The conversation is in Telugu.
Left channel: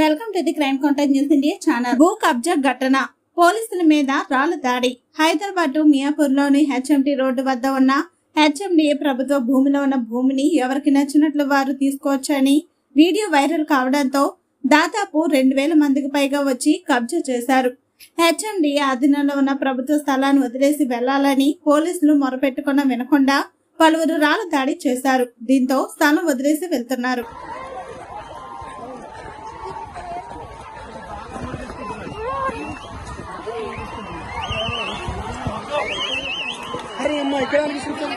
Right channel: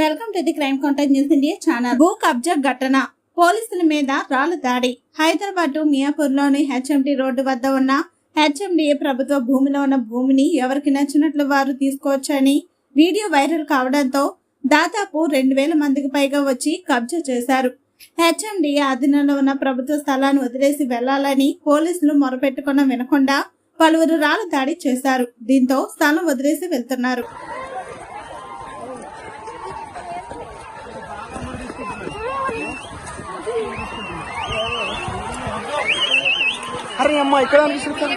Welcome to the crime contact news India channel. భూ కబ్జా ఘటన. పోలీసుల మీద రాళ్ళ దాడి. హైదరాబాద్ మియాపూర్లోని హెచ్ఎండి రోడ్డు వద్ద ఉన్న హెచ్ఎండిఏ ప్రభుత్వ భూమిలో ఉన్న భూమిని ఎవరికి నచ్చినట్లు వారు తీసుకోవచ్చని వీడియో వైరల్ కావడంతో దాదాపు రెండు వేల మందికి పైగా వచ్చి కబ్జా చేశారు. హెచ్ఎండిఏ అధీనంలో ఉన్న ప్రభుత్వ స్థలాన్ని వదిలేసి వెళ్ళాలని పోలీసులు మొరపెట్టుకున్న వినకుండా పలువురు రాళ్ళ దాడి చేశారు. దీంతో స్థలం వదిలేసి వెళ్తున్నారు. అరే అమ్మ ఇక్కడ అనిపిస్తుంది?